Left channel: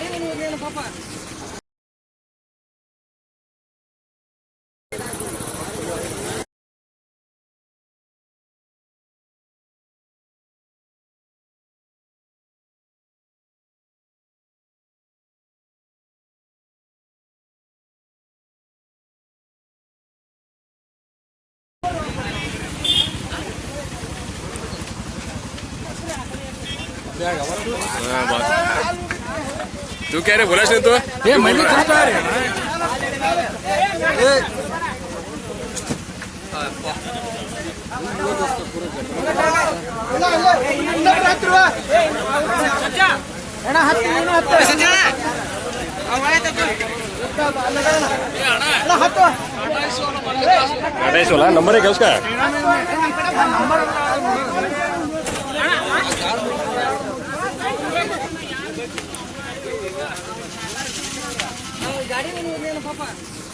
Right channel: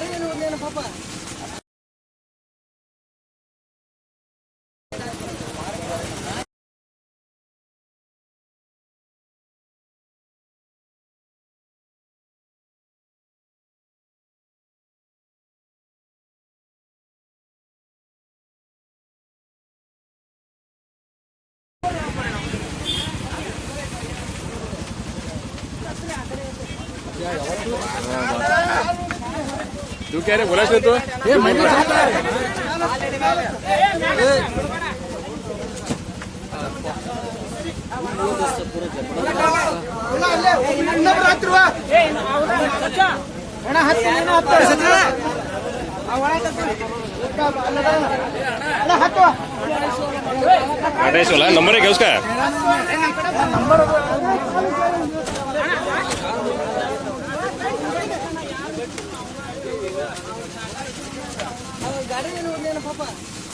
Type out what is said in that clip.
ಗಾಡಿನ ನೋಡಲಿ ಏನ ಪಾಪ ಬಾ तू कह रहे बोला सुन तो ये बोल रहा है ada soalnya nomornya kayak usah गाड़ी में नहीं उतरना पापा